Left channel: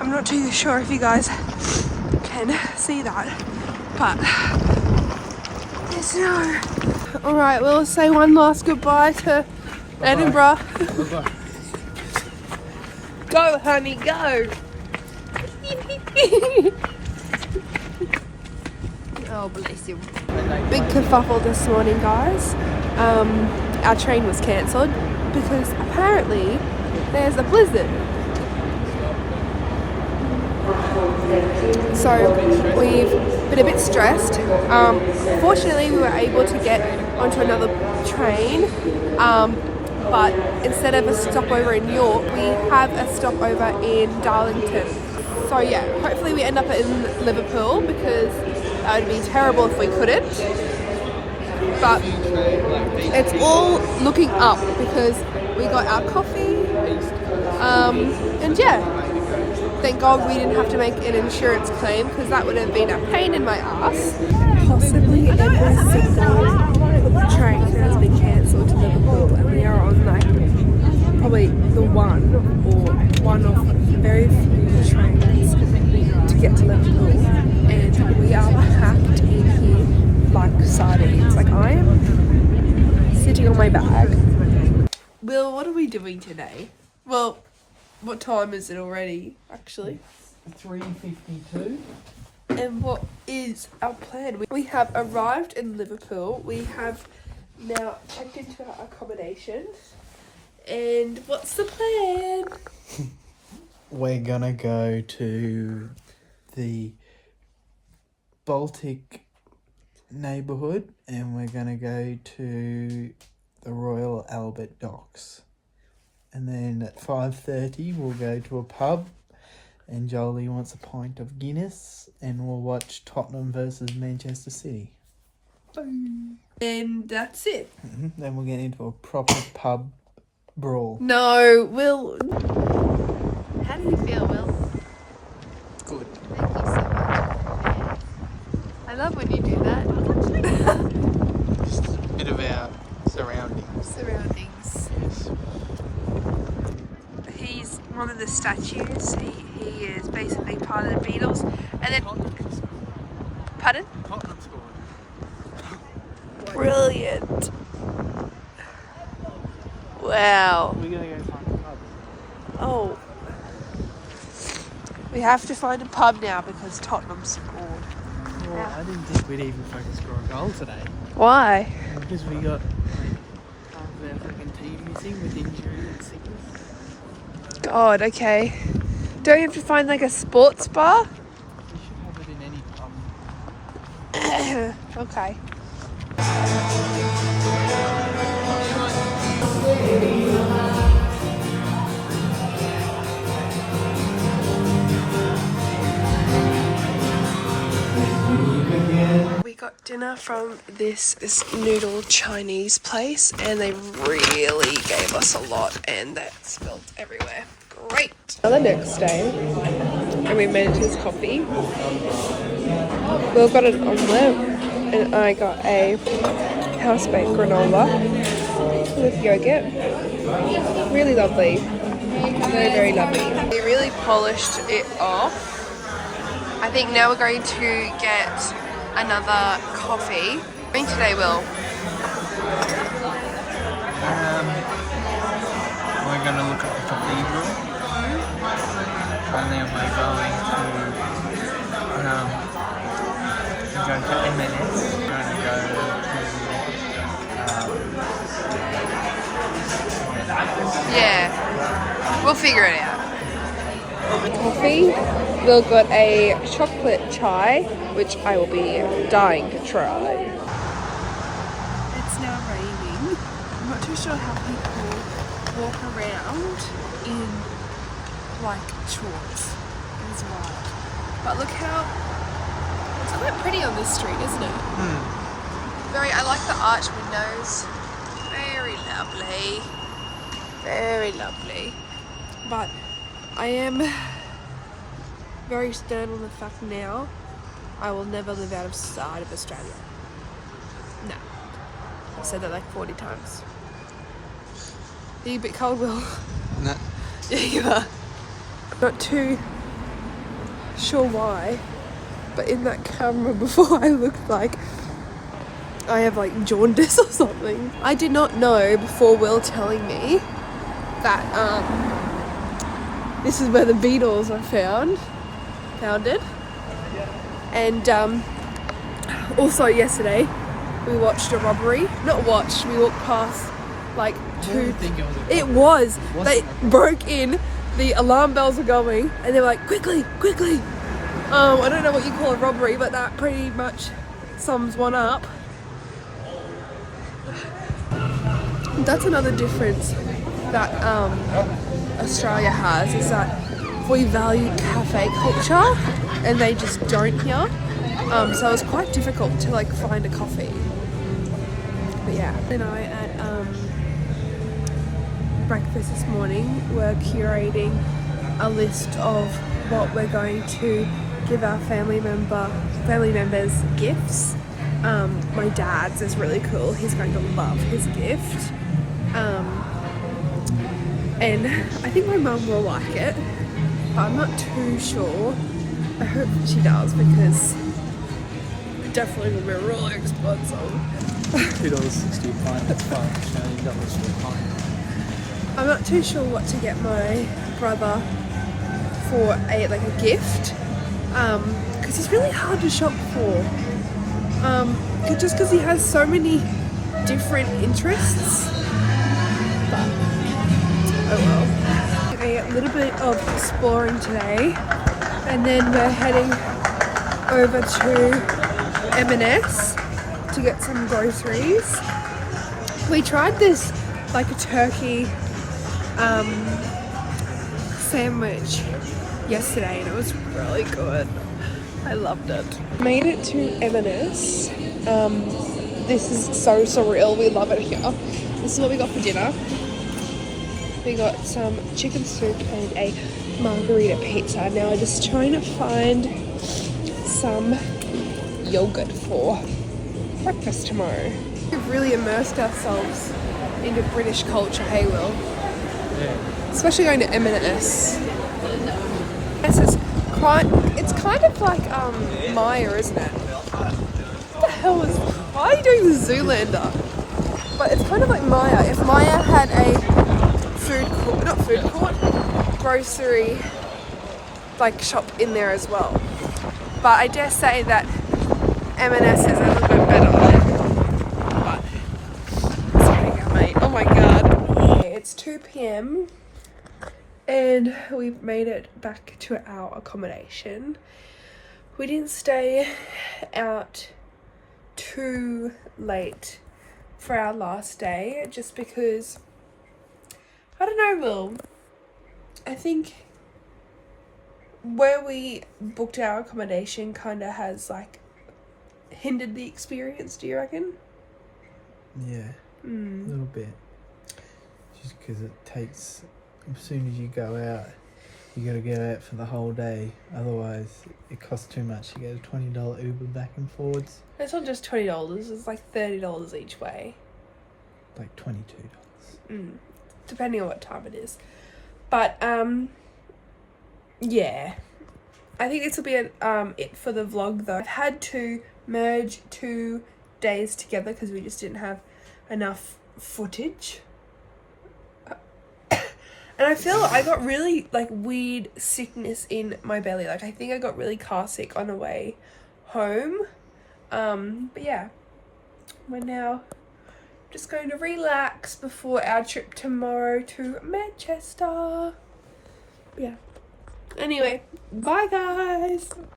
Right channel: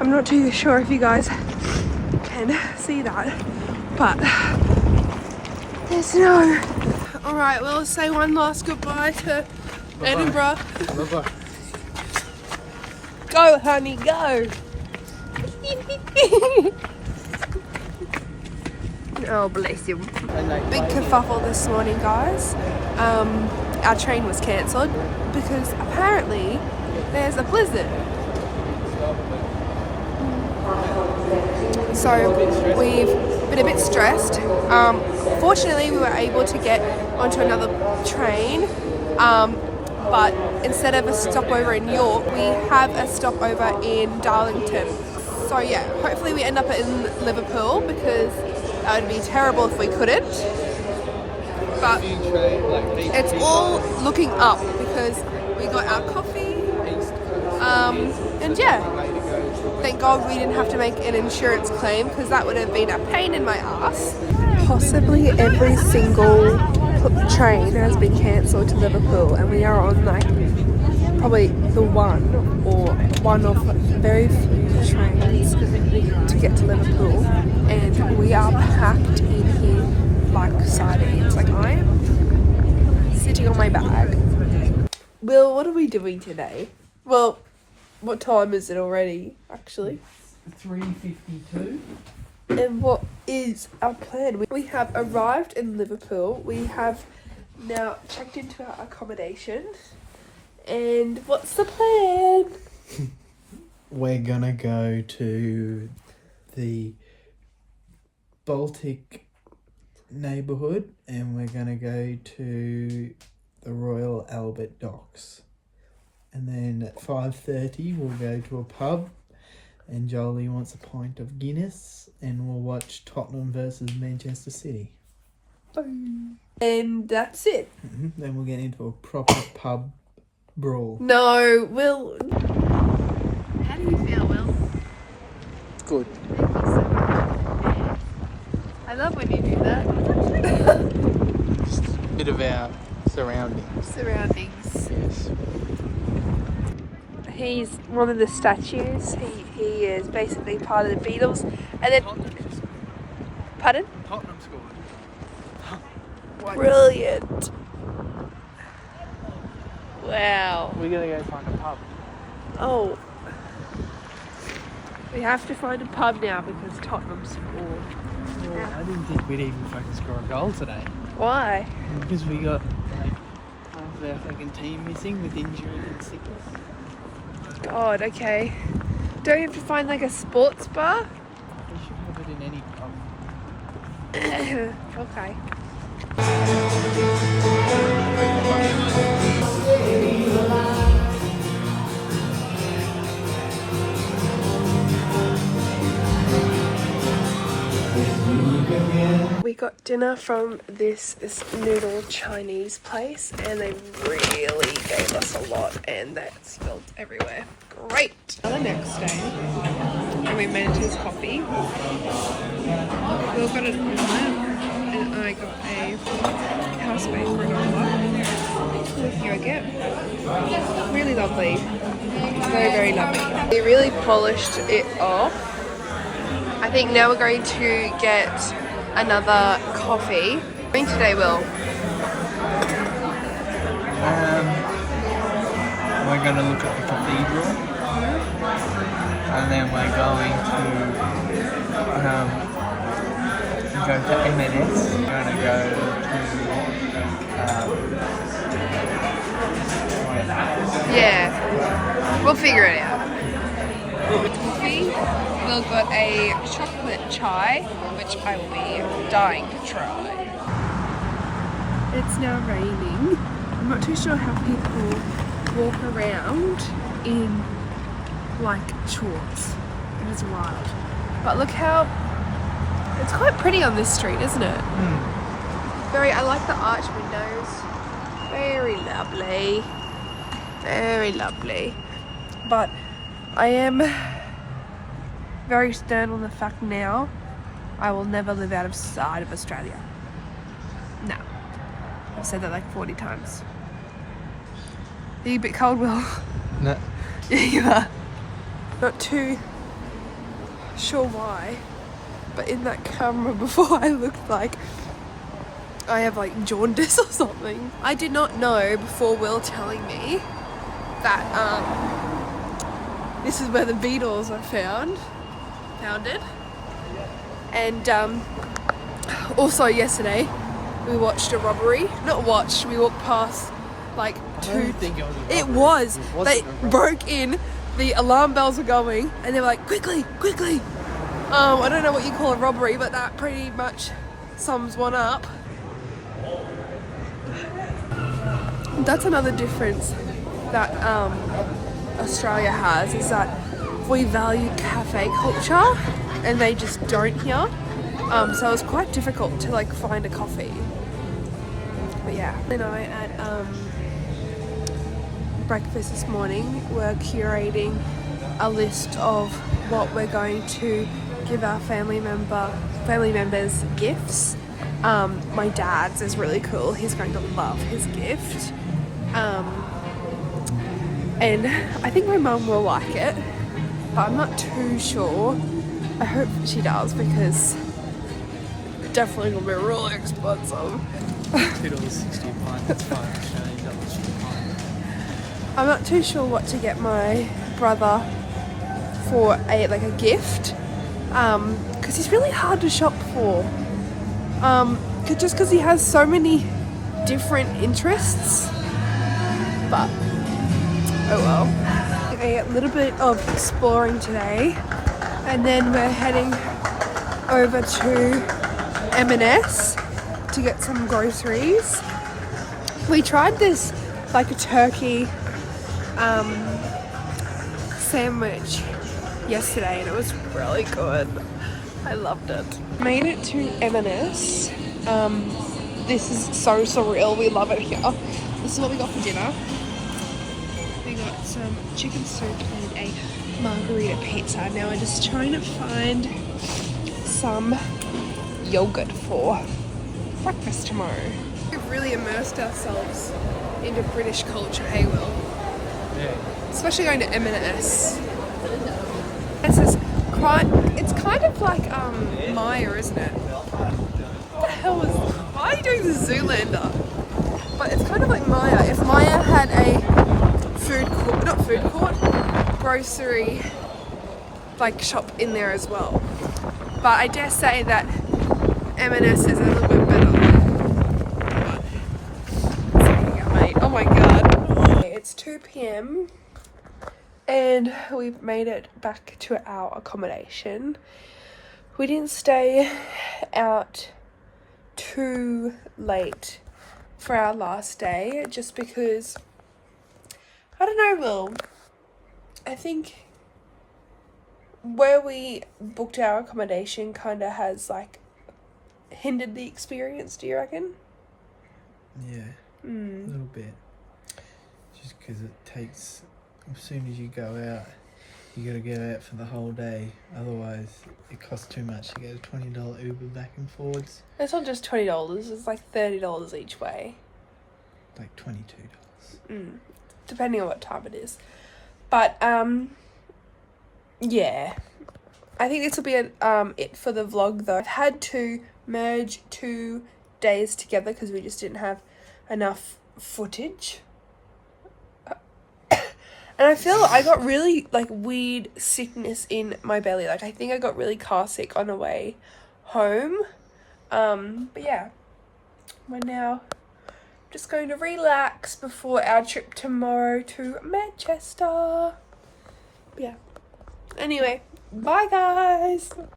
I'm not too sure if you guys can see that, but there's snow. All right, we'll say one last goodbye to Edinburgh. Bye-bye. Go, honey, go. Oh, bless you. Big kerfuffle this morning, guys. Our train was cancelled because apparently there's a blizzard. So we've been a bit stressed. Fortunately, we were able to get onto another train, but instead of a stopover in York, we have a stopover in Darlington. So yeah, hopefully we end up in Liverpool because that would be terrible if we couldn't. But it's all looking up because we got our coffee, and yeah, thank God we didn't have to make an insurance claim because that would have been a pain in my ass. Possibly every single train has been cancelled to Liverpool, and we are on like probably the one of very few trains to get to Liverpool, and we are packed in here like sardines. Like I am sitting on my bag. Will, what are we doing today? Well, what time is it already, actually? 3:52. And what is our plan? We have arrived in Liverpool. We have now checked into our accommodation. And what's the plan? We're gonna go to the Baltic neighbourhood and we're gonna go to the Royal Albert Docks. And then at 5:30 we'll go to a pub and Jolie wants a pint of Guinness and we'll watch Tottenham versus Manchester City. Boom. And that's it. Then we'll get into a proper pub brawl. No, Will. How do you feel, Will? Good. Thank you so much. I love when you do that. Just a bit of our surroundings. He's one of the statues. He is basically part of the Beatles. And then, pardon? Tottenham scored. Brilliant. Wow. We're gonna go find a pub. Oh. We have to find a pub now because Tottenham scored. Well, I didn't think we'd even fucking score a goal today. Why? Because we got like half our fucking team missing with injury and sickness. God, okay. Don't you have to find like a sports bar? We should have it in any pub. Okay. We got dinner from this noodle Chinese place and they really gave us a lot and that spilled everywhere. Great! The next day and we made it his coffee. Will got an omelette and I got a house-baked granola with yogurt. Really lovely. Very, very lovely. We really polished it off. I think now we're going to get another coffee. What are you doing today, Will? We're going to look at the cathedral. And then we're going to go to M&S. We're going to go to Yeah, we'll figure it out. Coffee. Will got a chocolate chai, which I will be dying to try. It's now raining. I'm not too sure how people walk around in like shorts. It was wild. But look how it's quite pretty on this street, isn't it? I like the arch windows. Very lovely. Very lovely. But I am very stern on the fact now I will never live outside of Australia. No. I've said that like 40 times. Are you a bit cold, Will? No. Yeah, you are. Got two sure why, but in that camera before I looked like I have like jaundice or something. I did not know before Will telling me that this is where the Beatles were founded. And also yesterday we watched a robbery. Not watched, we walked past like two. It was. They broke in, the alarm bells were going, and they were like, quickly. I don't know what you call a robbery, but that pretty much sums one up. That's another difference that Australia has, is that we value cafe culture and they just don't here. So it was quite difficult to like find a coffee. But yeah, and I at breakfast this morning were curating a list of what we're going to give our family members gifts. My dad's is really cool. He's going to love his gift. And I think my mum will like it, but I'm not too sure. I hope she does, because definitely will be really expensive. $2.60 a pint, that's $5 Australian dollars for a pint. I'm not too sure what to get my brother for a gift, because it's really hard to shop for. Just because he has so many different interests. But oh well. A little bit of exploring today, and then we're heading over to M&S to get some groceries. We tried this like a turkey sandwich yesterday and it was really good. I loved it. Made it to M&S. This is so surreal. We love it here. This is what we got for dinner. We got some chicken soup and a margarita pizza. Now we're just trying to find some yogurt for breakfast tomorrow. We've really immersed ourselves into British culture, hey Will? Yeah. Especially going to M&S. It's kind of like Maya, isn't it? What the hell is... Why are you doing the Zoolander? But it's kind of like Maya. If Maya had a grocery shop in there as well. But I dare say that M&S is a little bit better. Oh my god. It's 2 p.m. and we've made it back to our accommodation. We didn't stay out too late for our last day, just because, I don't know, Will. I think where we booked our accommodation kind of has hindered the experience, do you reckon? Yeah, a little bit. Just because it takes, as soon as you go out, you got to get out for the whole day. Otherwise, it costs too much to get a $20 Uber back and forwards. It's not just $20, it's like $30 each way. Like $22. Depending on what time it is. But, yeah. I think this will be it for the vlog though. I've had to merge 2 days together because we just didn't have enough footage. And I feel like I got really weird sickness in my belly. I think I got really car sick on the way home. But yeah, we're now just going to relax before our trip tomorrow to Manchester. Yeah. Anyway, bye guys.